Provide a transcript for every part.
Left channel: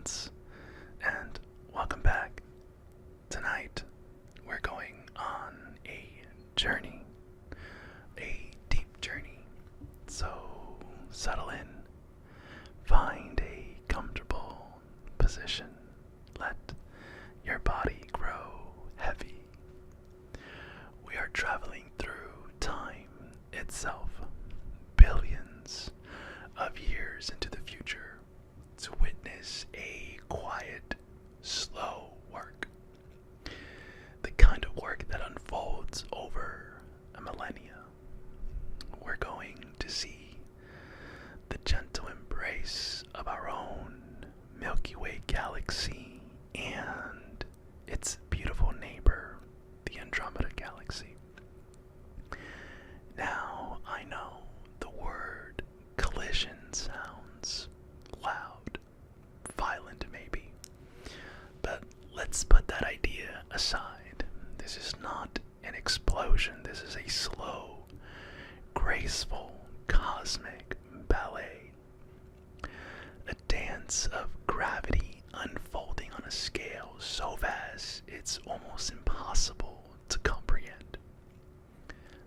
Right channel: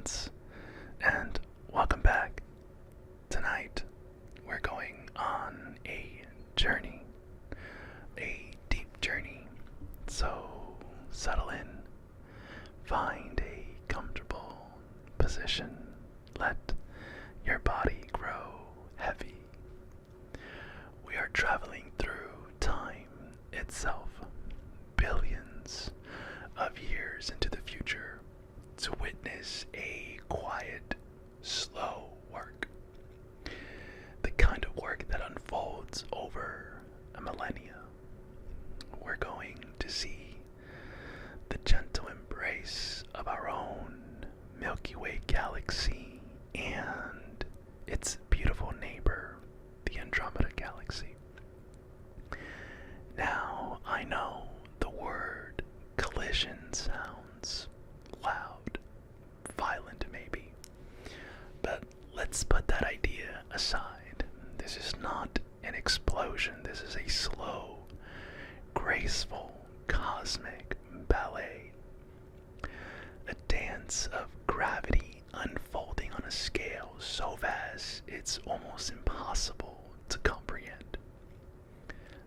friends, and welcome back. Tonight, we're going on a journey, a deep journey. So, settle in, find a comfortable position, let your body grow heavy. We are traveling through time itself, billions of years into the future, to witness a quiet, slow work. The kind of work that unfolds over a millennia. We're going to see the gentle embrace of our own Milky Way galaxy and its beautiful neighbor, the Andromeda galaxy. Now, I know the word collision sounds loud, violent maybe, but let's put that idea aside. This is not an explosion, this is a slow, graceful, cosmic ballet. A dance of gravity unfolding on a scale so vast it's almost impossible to comprehend.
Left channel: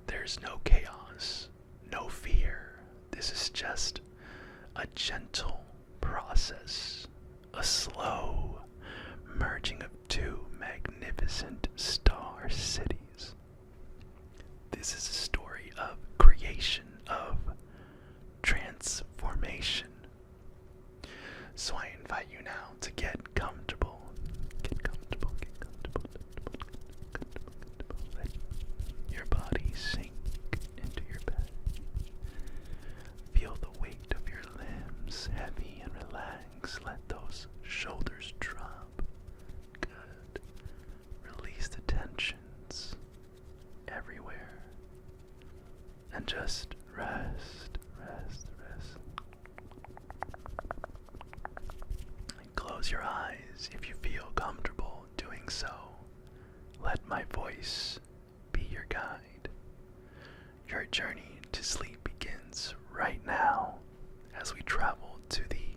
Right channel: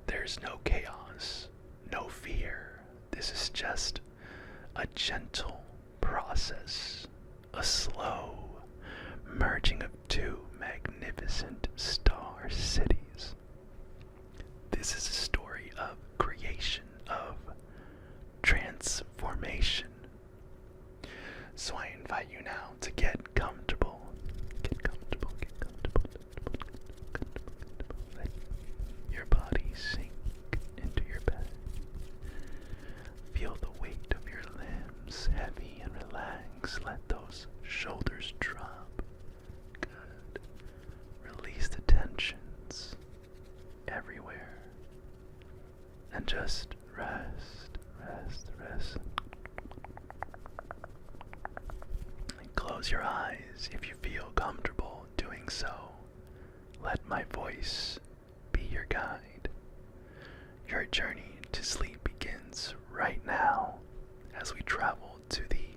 There's no chaos, no fear. This is just a gentle process, a slow merging of two magnificent star cities. This is a story of creation, of transformation. So I invite you now to get comfortable. Get comfortable, get comfortable, comfortable. Let your body sink into your bed. Feel the weight of your limbs heavy and relax. Let those shoulders drop. Good. Release the tensions everywhere. And just rest, rest, rest. And close your eyes if you feel comfortable doing so. Let my voice be your guide. Your journey to sleep begins right now as we travel to the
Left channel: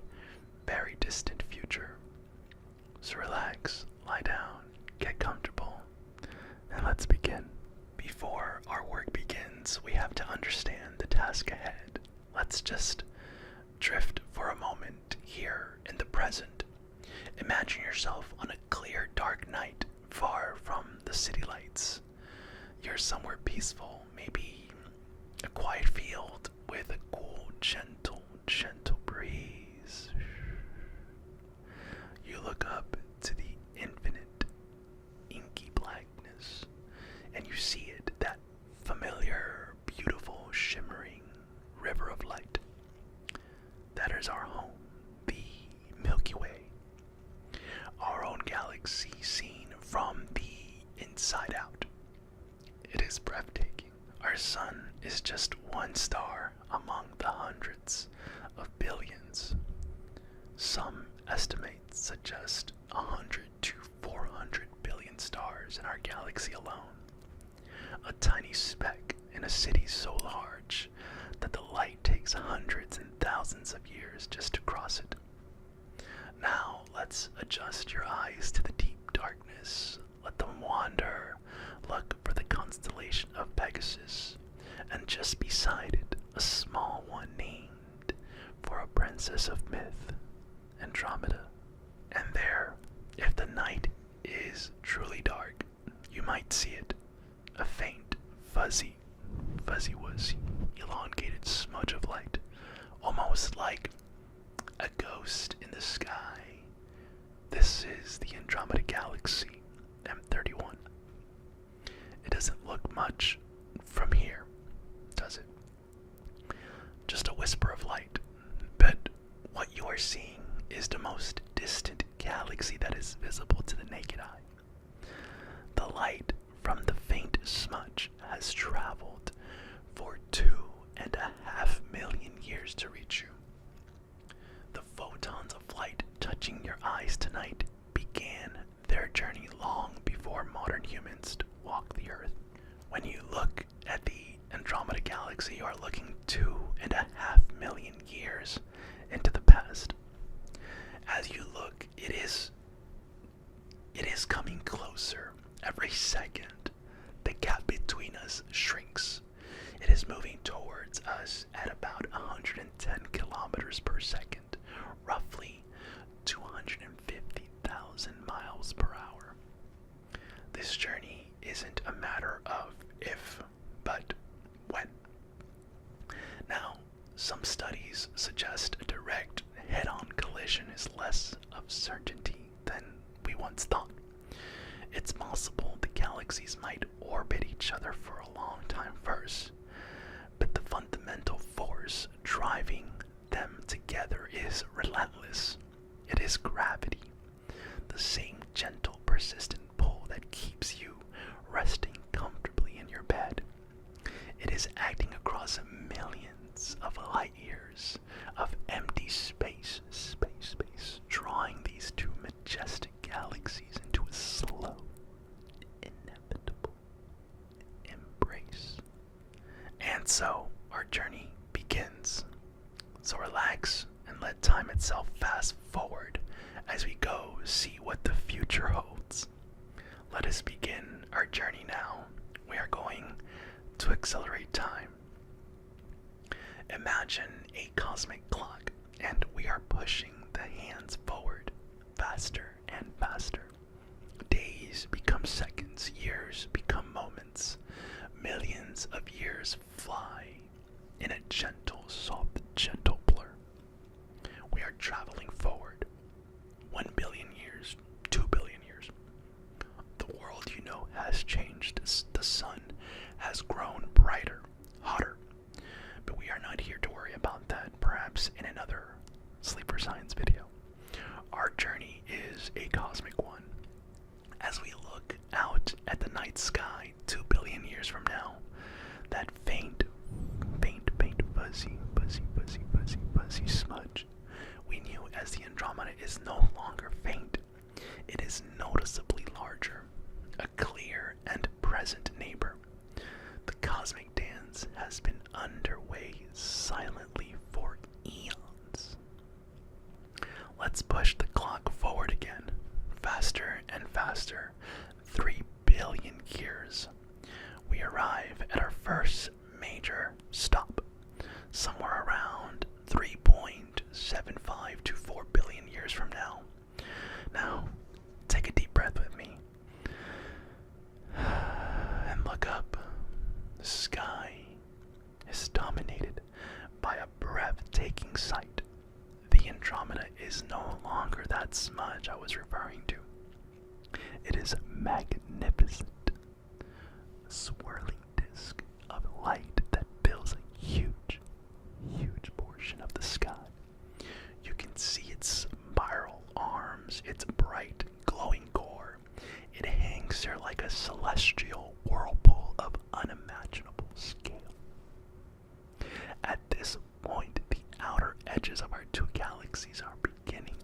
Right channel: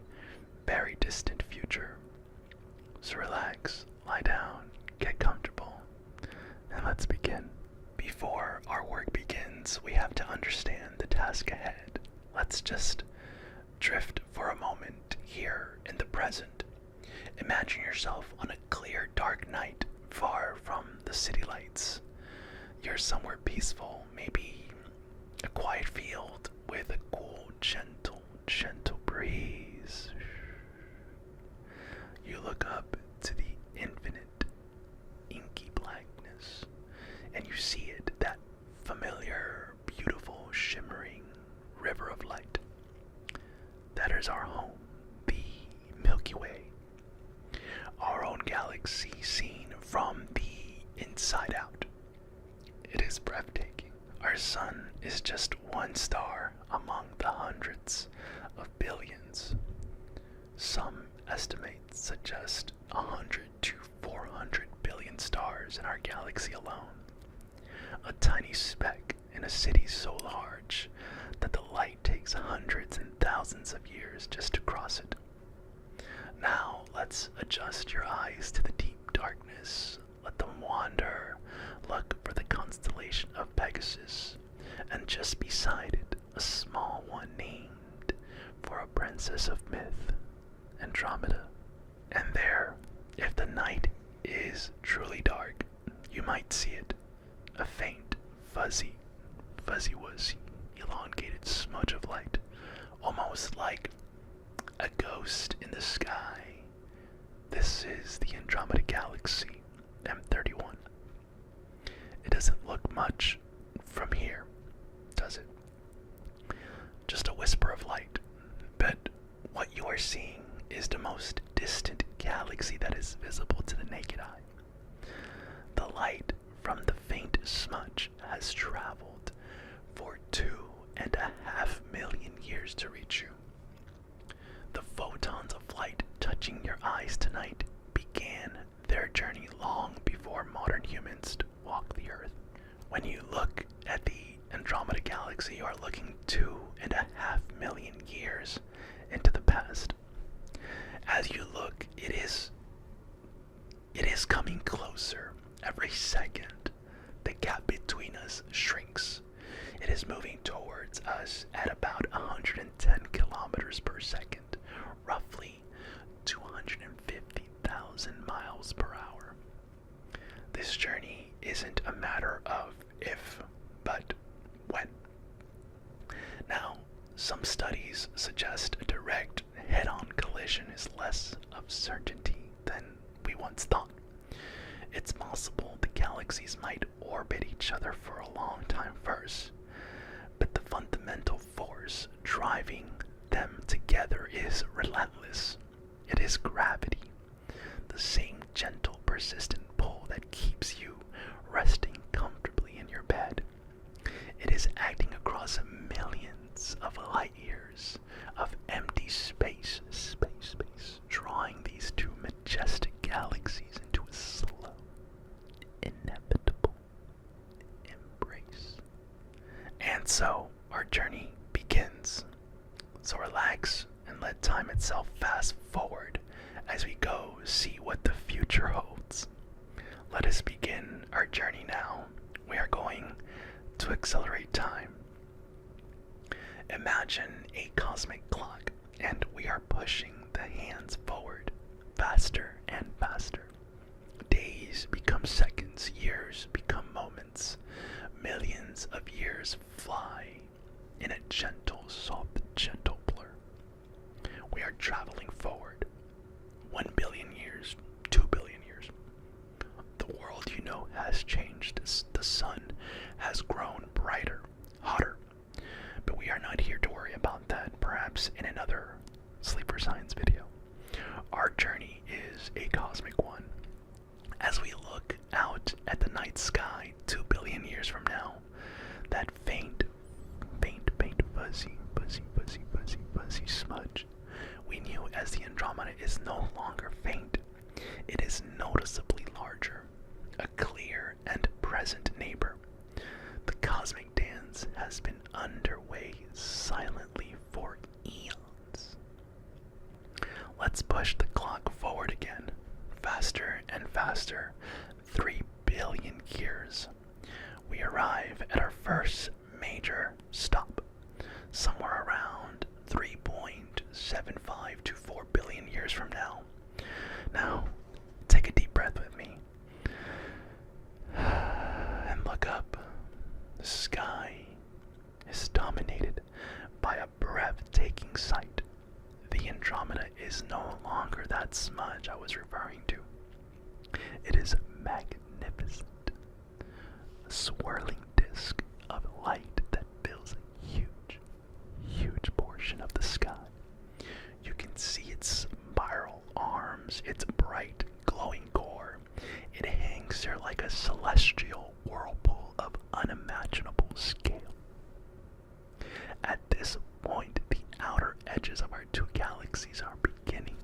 very distant future. So relax, lie down, get comfortable, and let's begin. Before our work begins, we have to understand the task ahead. Let's just drift for a moment here in the present. Imagine yourself on a clear, dark night, far from the city lights. You're somewhere peaceful, maybe a quiet field with a cool, gentle breeze. You look up to the infinite, inky blackness, and you see it, that familiar, beautiful, shimmering river of light. That is our home, the Milky Way. Our own galaxy seen from the inside out. It is breathtaking. Our sun is just one star among the hundreds of billions. Some estimates suggest 100 to 400 billion stars in our galaxy alone. A tiny speck in a city so large that the light takes hundreds and thousands of years just to cross it. Now let's adjust your eyes to the deep darkness. Let them wander. Look for the constellation of Pegasus, and just beside it, a small one named for a princess of myth, Andromeda. And there, if the night is truly dark, you might see it, a faint, fuzzy-wuzzy, elongated smudge of light, almost like a ghost in the sky. This is the Andromeda galaxy, M31. It doesn't look much from here, does it? Just a whisper of light. But what you are seeing is the most distant galaxy that is visible to the naked eye. The light from the faint smudge has traveled for 2.5 million years to reach you. The photons of light touching your eyes tonight began their journey long before modern humans walked the earth. When you look at the Andromeda galaxy, you are looking 2.5 million years into the past. As you look closer. Every second, the gap between us shrinks. It is moving towards us at about 110 kilometers per second, roughly 250,000 miles per hour. This journey isn't a matter of if, but when. Now, some studies suggest a direct head-on collision is less of certainty than we once thought. It's possible the galaxies might orbit each other for a long time first, but the fundamental force driving them together is relentless. It is gravity, the same gentle, persistent pull that keeps you resting comfortably in your bed. It is acting across millions of light years of empty space, drawing these two majestic galaxies into a slow, inevitable embrace. And so, our journey begins. So relax and let time itself fast forward as we go see what the future holds. Let us begin our journey now. We are going to accelerate time. Imagine a cosmic clock, and we are pushing the hands forward faster and faster. Days become seconds, years become moments. Millions of years fly in a gentle, soft, gentle blur. We are traveling forward. 1 billion years, 2 billion years. The world you know has changed. The sun has grown brighter, hotter. But we are not here to worry about that, perhaps in another Sleeper Science video. Our journey is a cosmic one. As we look out at the night sky 2 billion years from now, that faint, fuzzy smudge we knew as the Andromeda is no longer faint. It is noticeably larger, a clear and present neighbor. The cosmic dance has been underway silently for eons. Let's push the clock forward again, faster and faster, 3 billion years. We arrive at our first major stop, somewhere around 3.75 to 4 billion years from now. Now, take a deep breath with me and look up. The sky is dominated by a breathtaking sight. The Andromeda is no longer that smudge I was referring to. It is magnificent, a swirling disk of light that fills a huge portion of the sky. You can see its spiral arms, its bright, glowing core. It hangs there like a celestial whirlpool of unimaginable scale. At this point, the outer edges of our two galaxies are beginning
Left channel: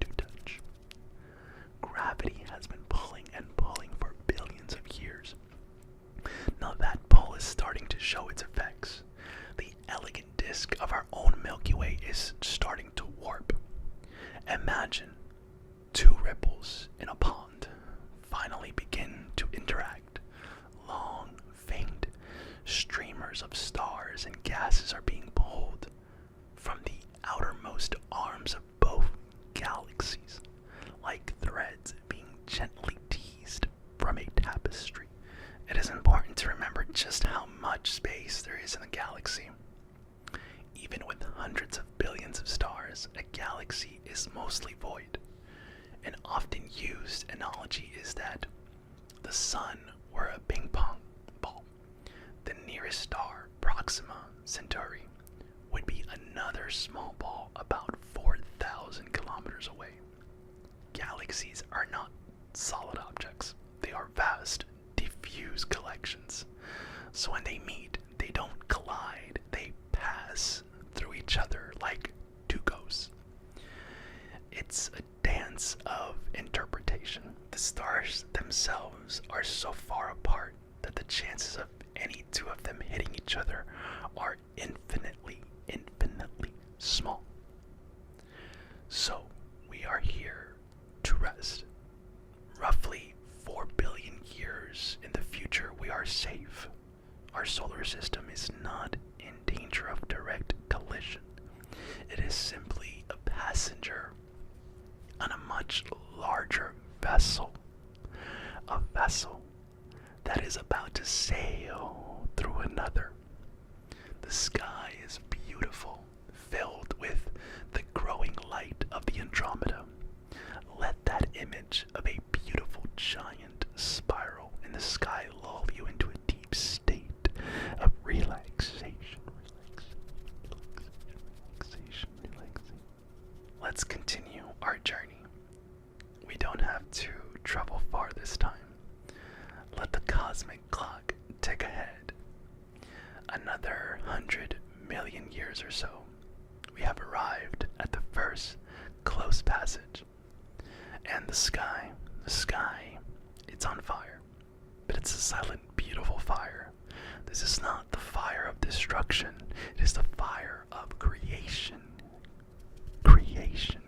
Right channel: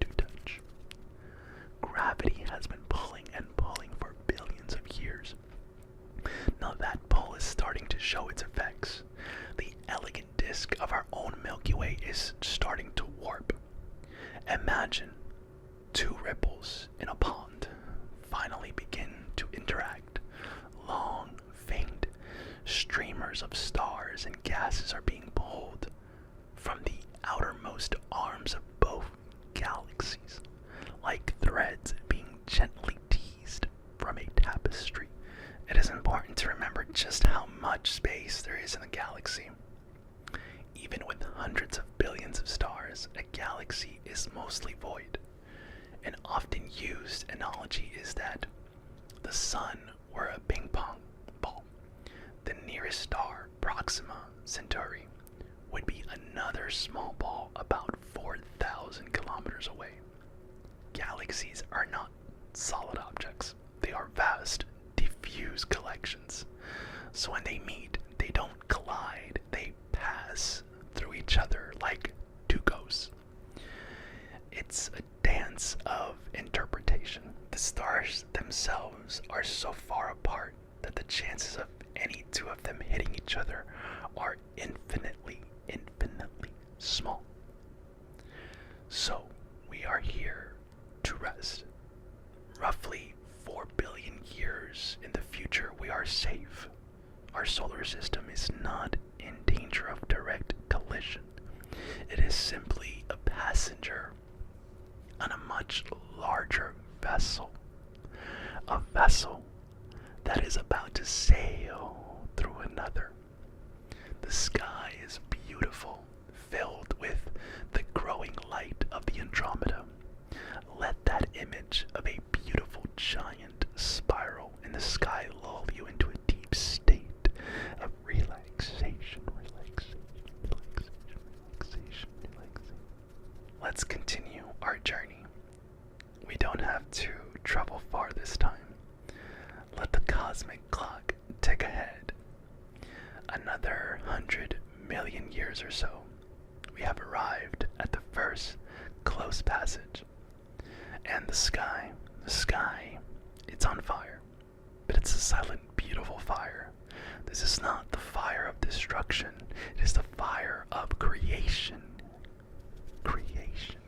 to touch. Gravity has been pulling and pulling for billions of years. Now that pull is starting to show its effects. The elegant disk of our own Milky Way is starting to warp. Imagine two ripples in a pond finally begin to interact. Long, faint streamers of stars and gases are being pulled from the outermost arms of both galaxies, like threads being gently teased from a tapestry. It is important to remember just how much space there is in a galaxy. Even with hundreds of billions of stars, a galaxy is mostly void. An often used analogy is that the sun were a ping pong ball. The nearest star, Proxima Centauri, would be another small ball about 4,000 kilometers away. Galaxies are not solid objects. They are vast, diffuse collections. So when they meet, they don't collide, they pass through each other like two ghosts. It's a dance of interpretation. The stars themselves are so far apart that the chances of any two of them hitting each other are infinitely small. So we are here to rest. Roughly 4 billion years in the future, we are safe. Our solar system is not in danger of direct collision. It is simply a passenger on a much larger vessel. A vessel that is about to sail through another. The sky is beautiful, filled with the growing light of the Andromeda. Let that image of a beautiful giant spiral in the sky lull you into a deep state of relaxation. Let's continue our journey. We don't have to travel far this time. Let the cosmic clock tick ahead. Another 100 million years or so, we have arrived at the first close passage. And the sky, it's on fire. But it's a silent, beautiful fire. This is not the fire of destruction. It is the fire of creation. Creation.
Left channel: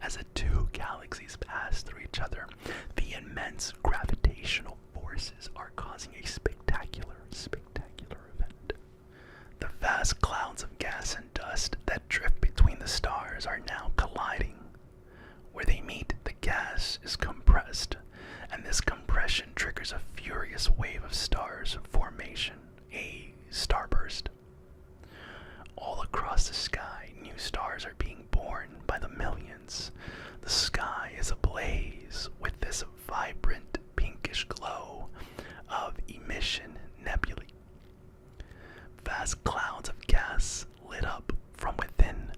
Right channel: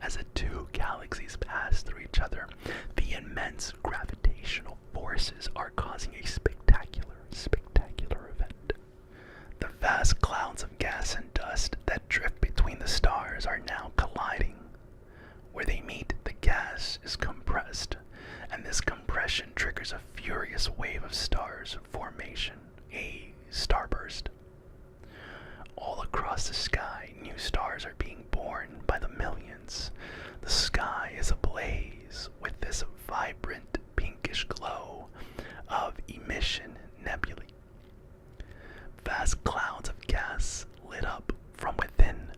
As the two galaxies pass through each other, the immense gravitational forces are causing a spectacular event. The vast clouds of gas and dust that drift between the stars are now colliding. Where they meet, the gas is compressed, and this compression triggers a furious wave of stars formation, a starburst. All across the sky, new stars are being born by the millions. The sky is ablaze with this vibrant pinkish glow of emission nebulae. Vast clouds of gas lit up from within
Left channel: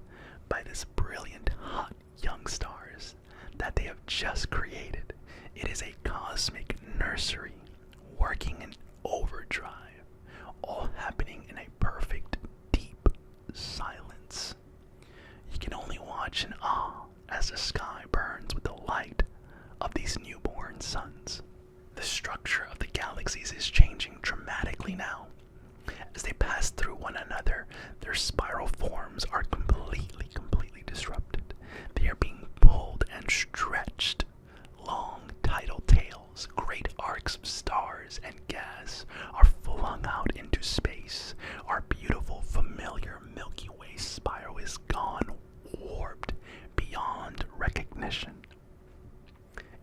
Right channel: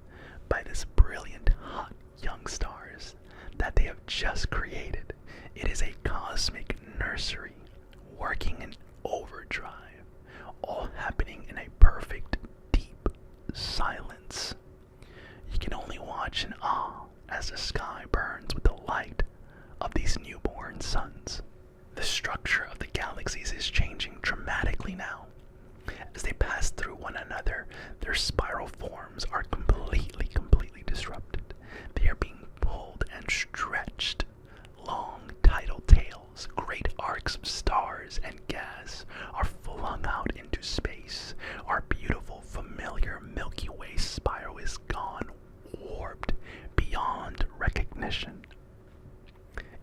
by this brilliant hot young stars that they have just created. It is a cosmic nursery working in overdrive, all happening in a perfect deep silence. You can only watch in awe as the sky burns with the light of these newborn suns. The structure of the galaxies is changing dramatically now. As they pass through one another, their spiral forms are completely disrupted. They are being pulled and stretched. Long tidal tails, great arcs of stars and gas are flung out into space. Our beautiful, familiar Milky Way spiral is gone, warped beyond recognition.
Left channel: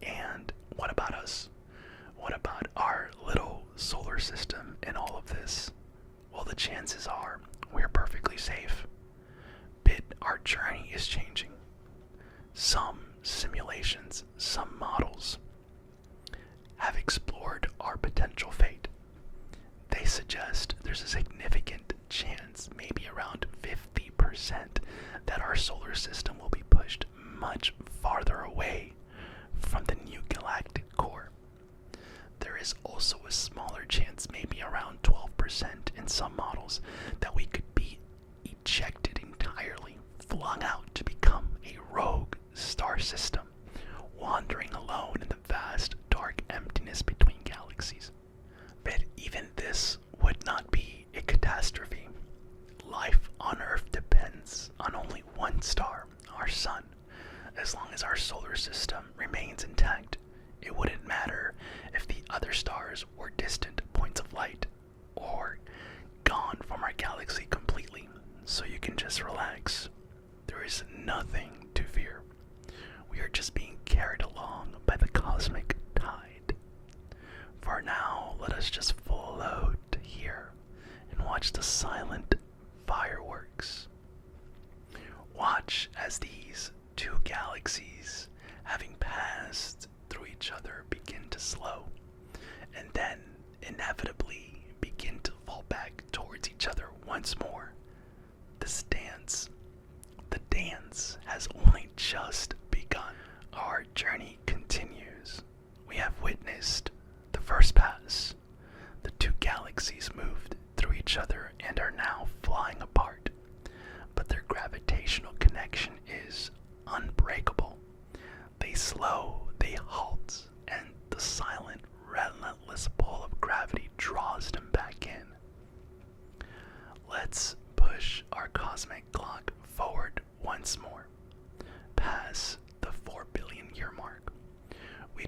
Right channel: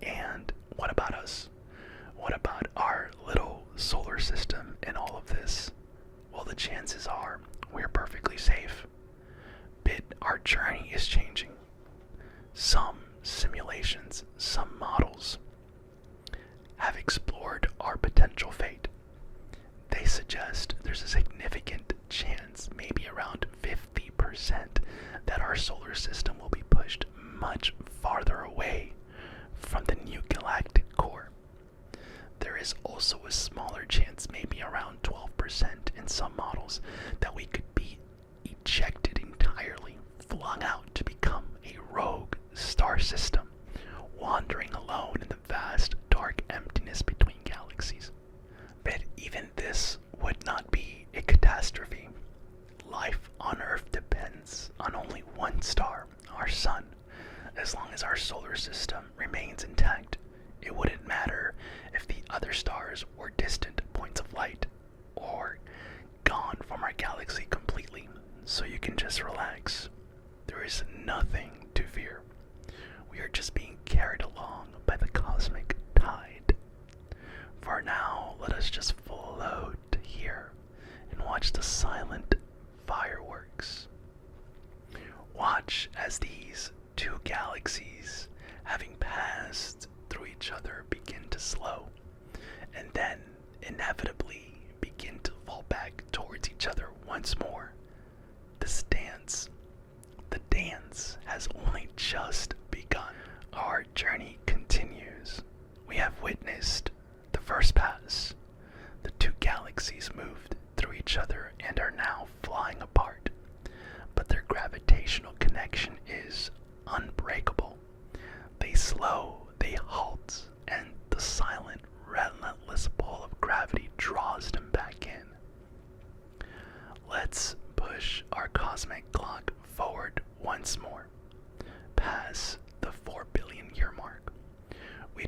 And what about us? What about our little solar system in all of this? Well, the chances are we're perfectly safe. But our journey is changing. Some simulations, some models have explored our potential fate. They suggest there's a significant chance, maybe around 50%, that our solar system will be pushed much farther away from the new galactic core. There is also a smaller chance, maybe around 12% in some models, that we could be ejected entirely, flung out to become a rogue star system, wandering alone in the vast dark emptiness between galaxies. But even this would not be a catastrophe. Life on Earth depends on only one star, our sun. As long as our solar system remains intact, it wouldn't matter if the other stars were distant points of light or gone from our galaxy completely. So you can just relax. There is nothing to fear. We are just being carried along by the cosmic tide. For now, let us just float here and watch the silent fireworks. Watch as these two galaxies, having passed through each other, begin to slow, and then inevitably begin to fall back towards each other once more. The dance has only just begun. Our journey continues. We have witnessed the first pass. The two galaxies moved through each other and are now flying apart, but their gravitational connection is unbreakable. They slow, they halt, and the silent, relentless pull of gravity draws them back in. Let's push our cosmic clock forward once more, past the 4 billion year mark. We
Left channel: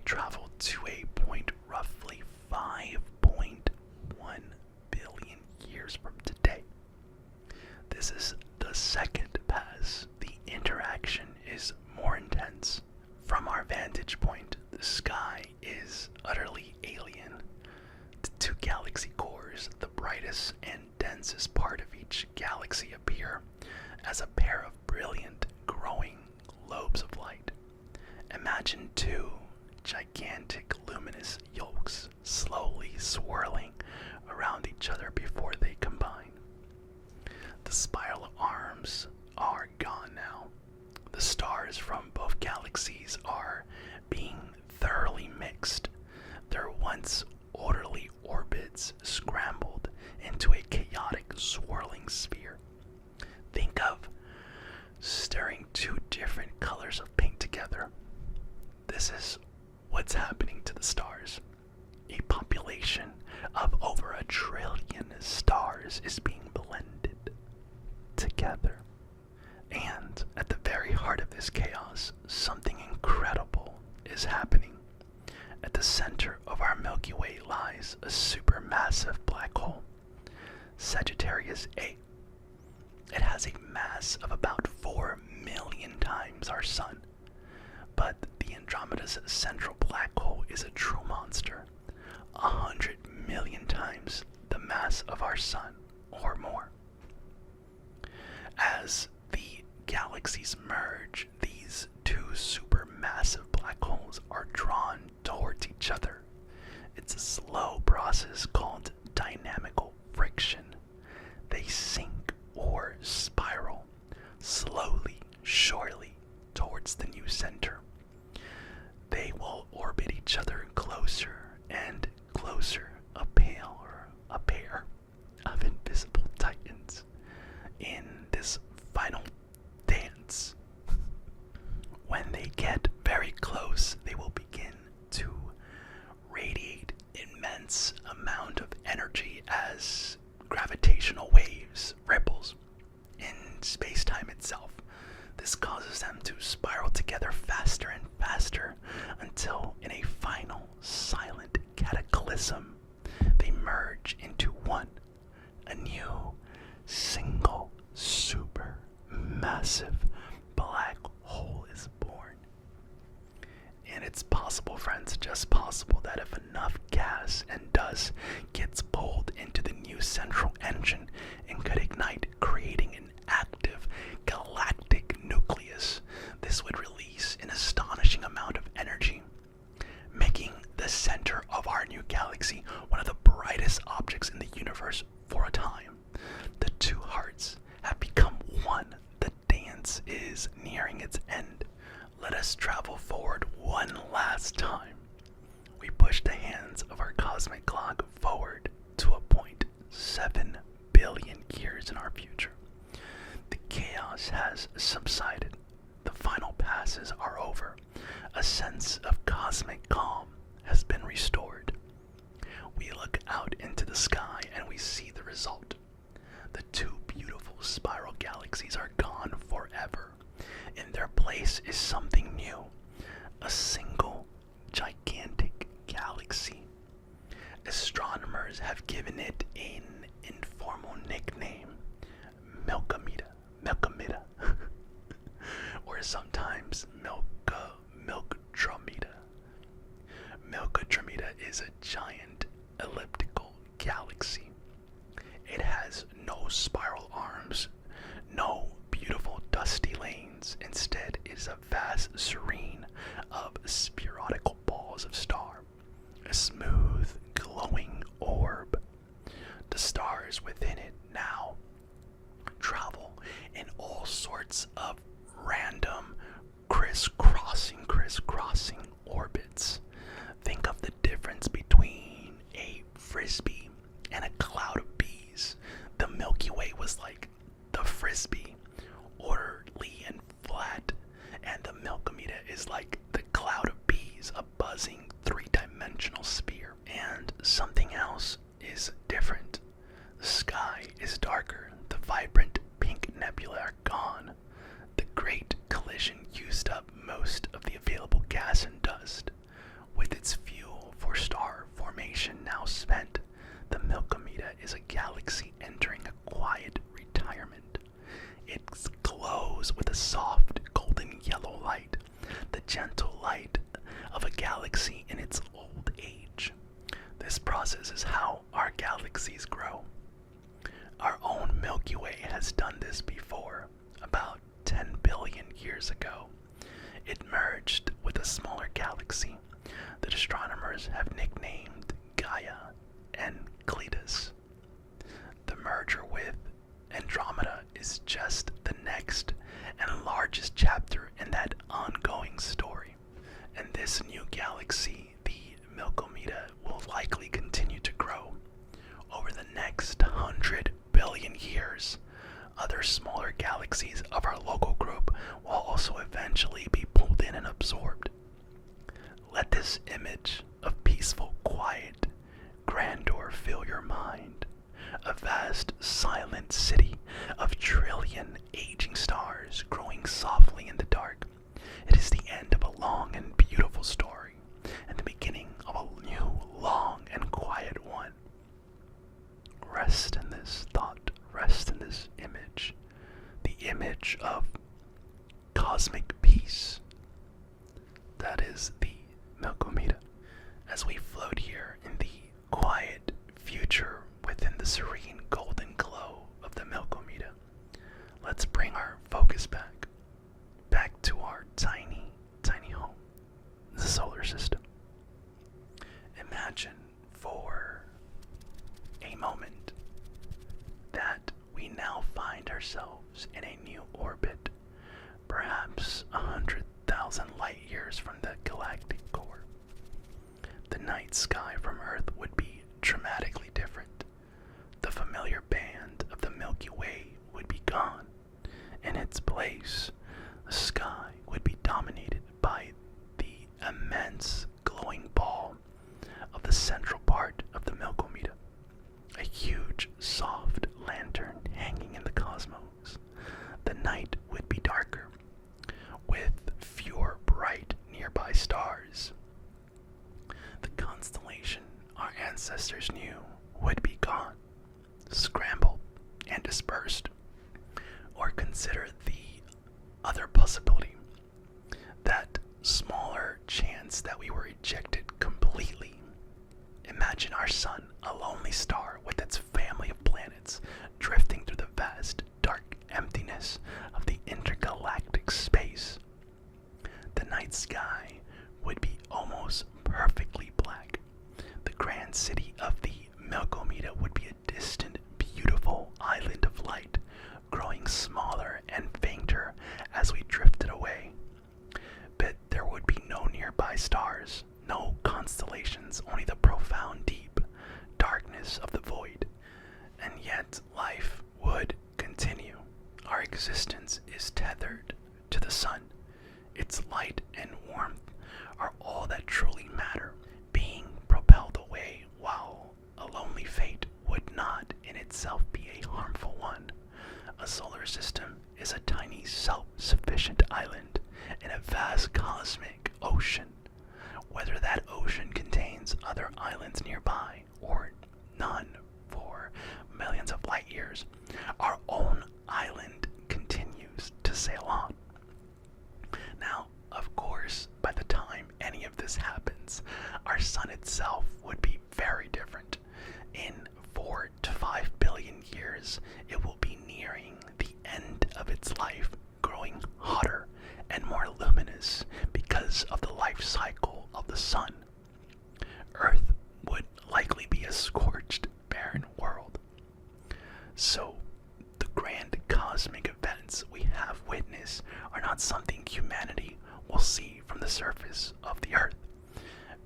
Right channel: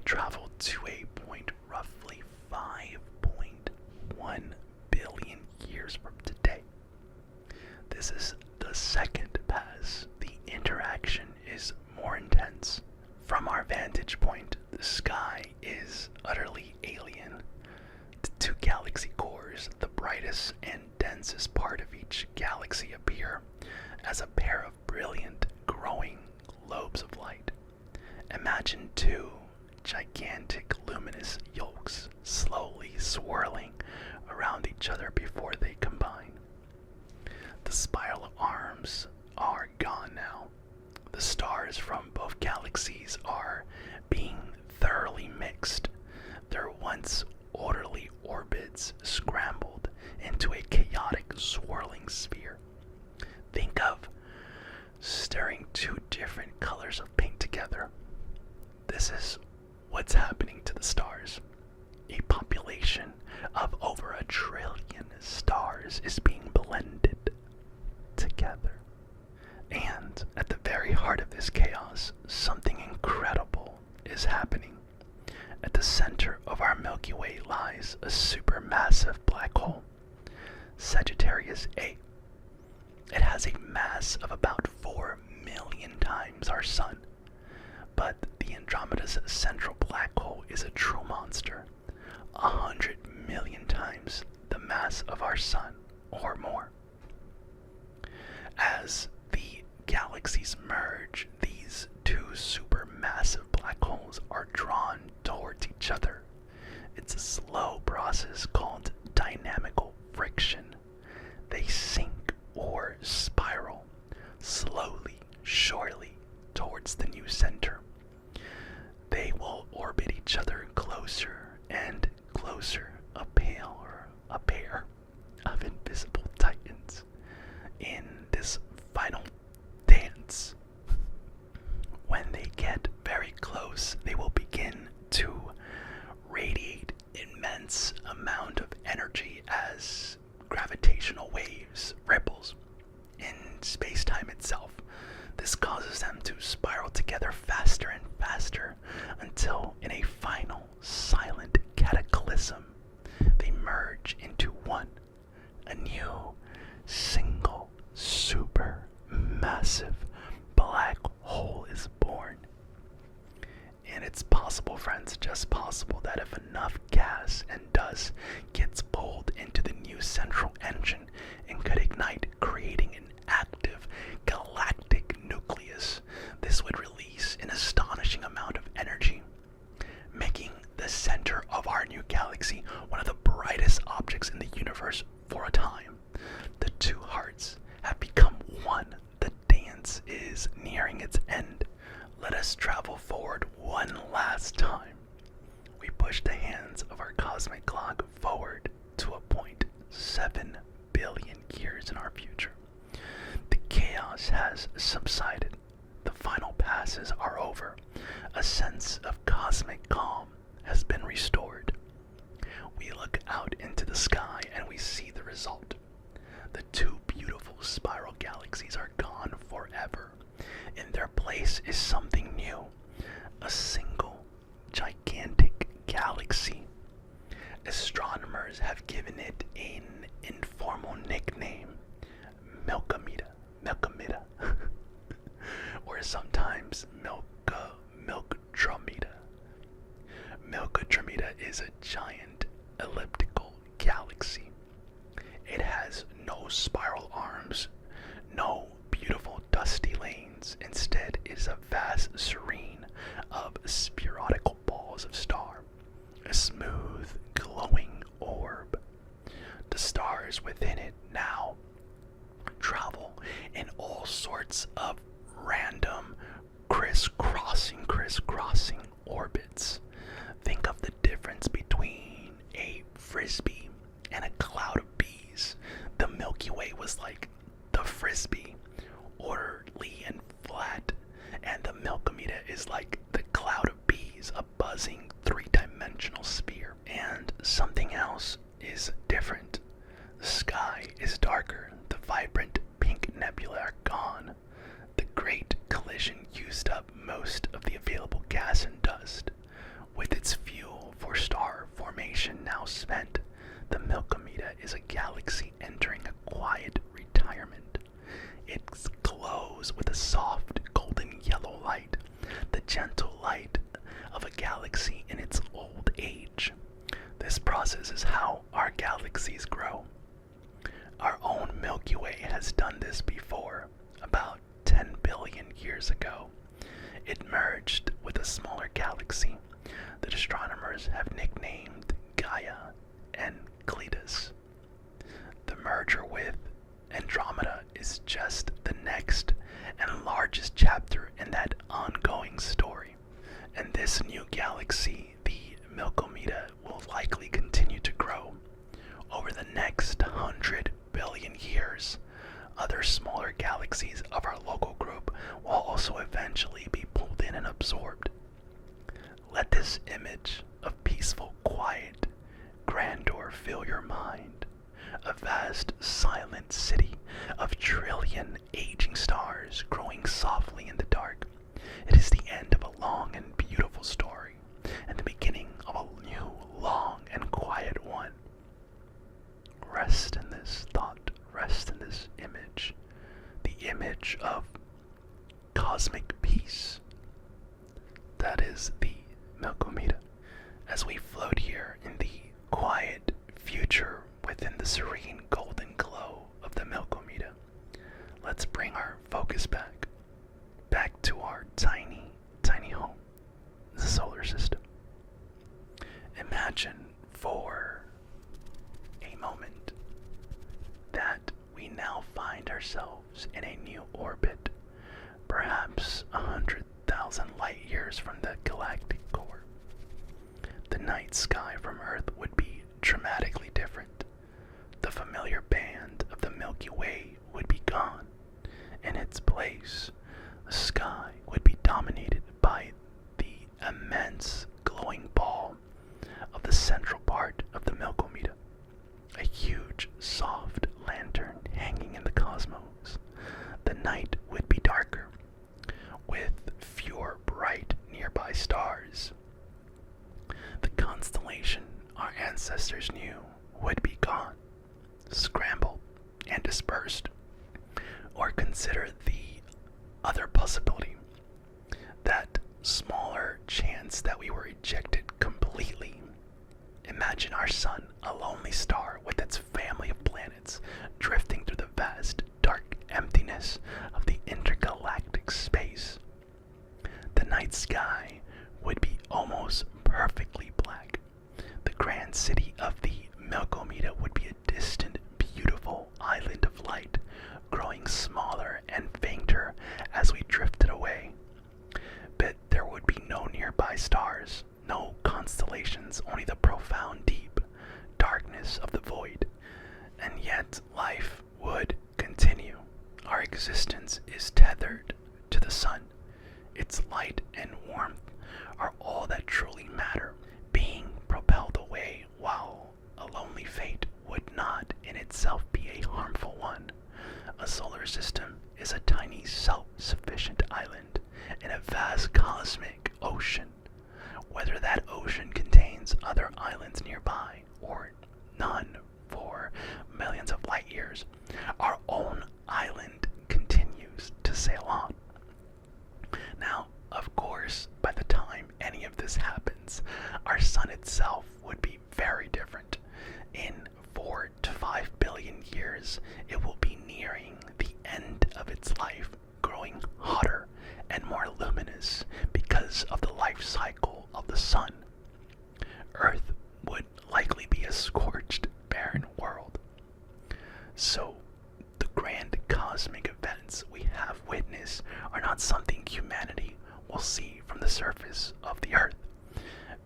This is the second pass. The interaction is more intense. From our vantage point, the sky is utterly alien. The two galaxy cores, the brightest and densest part of each galaxy, appear as a pair of brilliant, growing lobes of light. Imagine two gigantic luminous yolks slowly swirling around each other before they combine. The spiral arms are gone now. The stars from both galaxies are being thoroughly mixed. Their once orderly orbits scrambled into a chaotic swirling sphere. Think of stirring two different colors of paint together. This is what's happening to the stars. A population of over 1 trillion stars is being blended together. And at the very heart of this chaos, something incredible is happening. At the center of our Milky Way lies a supermassive black hole, Sagittarius A. It has a mass of about 4 million times our Sun. But the Andromeda's central black hole is a true monster, 100 million times the mass of our Sun, or more. As the galaxies merge, these two supermassive black holes are drawn towards each other. It's a slow process called dynamical friction. They sink or spiral slowly, surely, towards the new center. They will orbit each other closer and closer, a pair of invisible titans in this final dance. When they get very close, they will begin to radiate immense amount of energy as gravitational waves, ripples in space-time itself. This causes them to spiral together faster and faster until in a final silent cataclysm they merge into one. A new single super massive black hole is born. And it's possible, friends, just possible, that if enough gas and dust gets pulled into the new central engine and could ignite, creating an active galactic nucleus, this would release an astonishing amount of energy, making the center of our new galaxy one of the brightest objects in the universe for a time. The two hearts have become one. The dance is nearing its end. Let us travel forward one last time. We push the hands of our cosmic clock forward to a point 7 billion years in our future. The chaos has subsided. The final passes are over. A sense of cosmic calm has been restored. We look out into the sky and we see the result. The two beautiful spiral galaxies are gone forever. In their place is something new, a single gigantic galaxy. Astronomers have given it an informal nickname, Milkomeda, or sometimes Milkomeda. Milkomeda is a giant elliptical galaxy. It has no spiral arms, no beautiful dusty lanes. Instead, it is a vast serene of spherical balls of star, a smooth, glowing orb. The stars within it now travel in all sorts of random crisscrossing orbits. Think of the difference between a frisbee and a cloud of bees. The Milky Way was like the frisbee, orderly and flat, and the Milkomeda is like the cloud of bees, a buzzing three-dimensional sphere. And something else is different. The sky is darker. The vibrant pink nebulae are gone. The great collision used up most of the available gas and dust. With its fuel for star formation now spent, the Milkomeda is a galaxy entering a quiet retirement. gentle light of a galaxy in its old age. This process is how our galaxies grow. Our own Milky Way has done this before, about 10 billion years ago. It merged with a smaller galaxy that astronomers have nicknamed Gaia and Cletus. The merger with Andromeda is just the next and largest chapter in that ongoing story. And this new galaxy, the Milkomeda, will likely continue to grow. Over the next 100 billion years, other smaller galaxies of our local group will also eventually be pulled in and absorbed. Let this image of peaceful quiet, grandeur fill your mind. A vast, silent city of trillion aging stars growing softly in the dark. It is the end of a long and beautiful story, and the beginning of a new, long and quiet one. Rest in this thought, rest in this image, the image of cosmic peace. That is the Milkomeda. As we float here in the quiet future within the serene golden glow of the Milkomeda, let's bring our focus back to our tiny, tiny home, the solar system. Imagine for a moment that we now find ourselves in a new orbit, perhaps 100,000 light years from the galactic core. The night sky from Earth would be dramatically different. The familiar band of the Milky Way would be gone. In its place, the sky would be dominated by the immense glowing ball of the central part of the Milkomeda, a huge, soft lantern hanging in the cosmos. The night would be darker, with fewer bright nearby stars. The constellation our ancestors knew would be gone, scrambled, and dispersed. Or consider the other possibility, that smaller chance that we were ejected completely. Imagine our sun, a lonely star with its family of planets, drifting through the vast, dark emptiness of the intergalactic space. The night sky would be almost perfectly black. The grand city of the Milkomeda would be a distant, beautiful island of light, growing smaller and fainter as we drifted away. But there would be no nearby stars, no constellations, only the profound deep darkness of the void. And yet life would continue. Our existence is tethered to the sun. Its light and warmth are all that truly matter, being propelled away, while a lonely fate would not in itself be a harmful one. A solar system is a tiny self-sufficient island in a vast cosmic ocean. Whether that ocean contains other islands nearby or none for millions of light years, our own island continues to sail on. Now, of course, by the time any of this happens, our sun itself would be very different. In 4 to 5 billion years, it will be nearing the end of its life, growing hotter and more luminous because of the life cycle of the sun. Earth would likely be a scorched, barren world. So, the grand cosmic events we have witnessed are not something humanity will see from the surface of the Earth.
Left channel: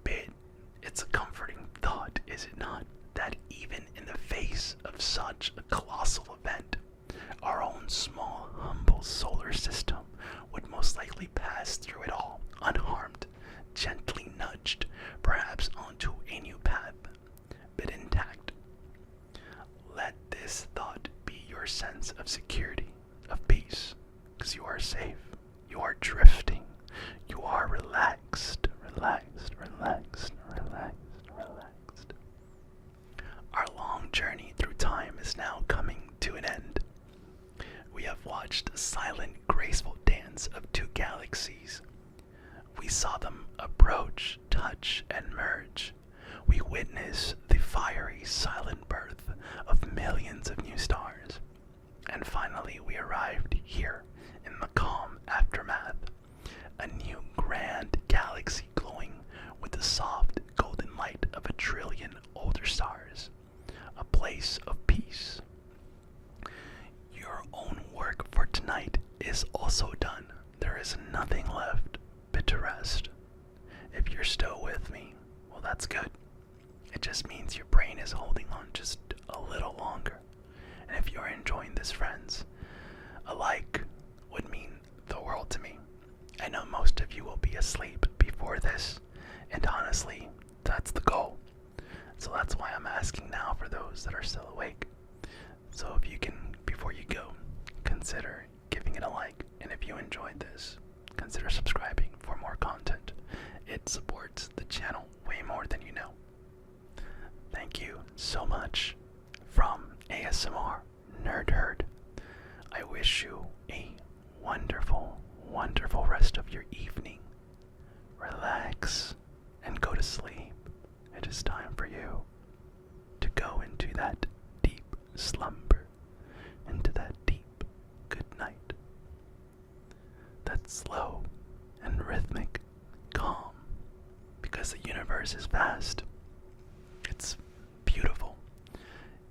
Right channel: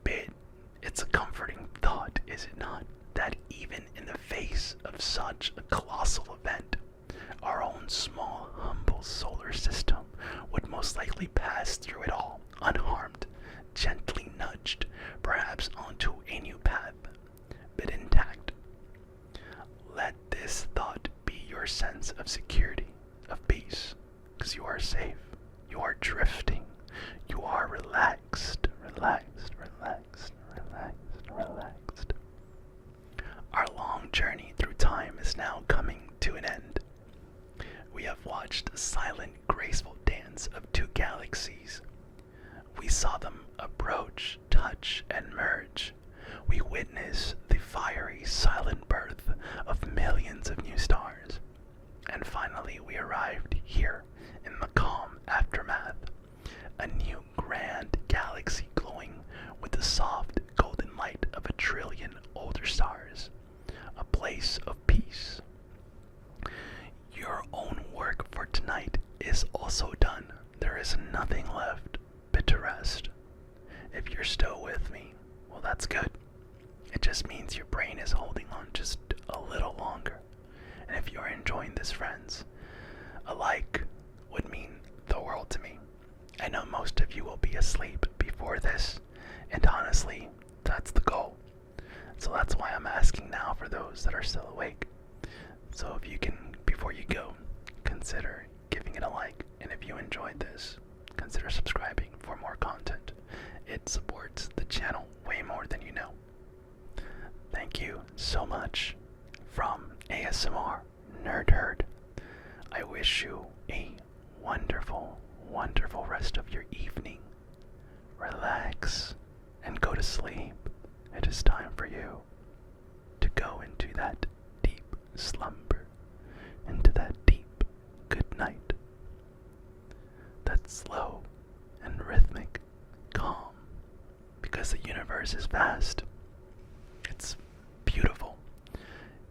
But it's a comforting thought, is it not, that even in the face of such a colossal event, our own small, humble solar system would most likely pass through it all unharmed, gently nudged, perhaps onto a new path, but intact. Let this thought be your sense of security, of peace, because you are safe, you are drifting, you are relaxed, relaxed, relaxed, relaxed, relaxed. Our long journey through time is now coming to an end. We have watched a silent, graceful dance of two galaxies. We saw them approach, touch, and merge. We witnessed the fiery, silent birth of millions of new stars. And finally, we arrived here in the calm aftermath. A new grand galaxy glowing with the soft golden light of 1,000,000,000,000 older stars. A place of peace. Your own work for tonight is also done. There is nothing left but to rest. If you're still with me, well, that's good. It just means your brain is holding on just a little longer. And if you're enjoying this, friends, a like would mean the world to me. I know most of you will be asleep before this, and honestly, that's the goal. So that's why I'm asking now for those that are still awake. So if you can, before you go, consider giving it a like. And if you enjoyed this, consider subscribing for more content. It supports the channel way more than you know. Thank you so much from ASMR Nerd Herd. I wish you a wonderful, wonderful rest of your evening. Relax and go to sleep. It is time for you to go into that deep slumber, into that deep good night. That's slow and rhythmic, calm, because the universe is vast. It's beautiful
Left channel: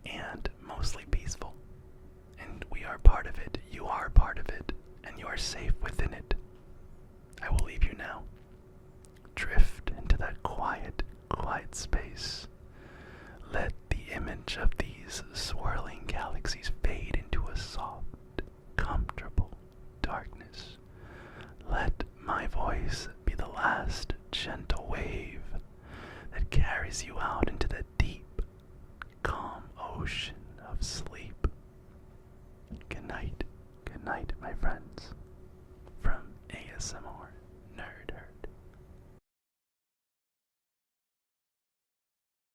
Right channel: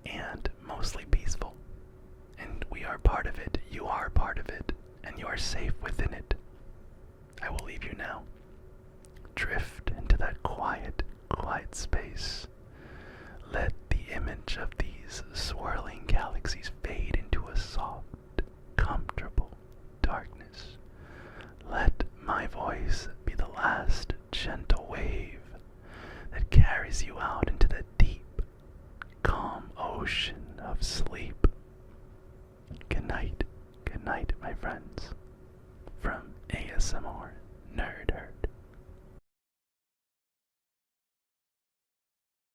and mostly peaceful, and we are part of it. You are part of it, and you are safe within it. I will leave you now. Drift into that quiet, quiet space. Let the image of these swirling galaxies fade into a soft, comfortable darkness. Let my voice be the last gentle wave that carries you out into the deep, calm ocean of sleep. Good night, my friends.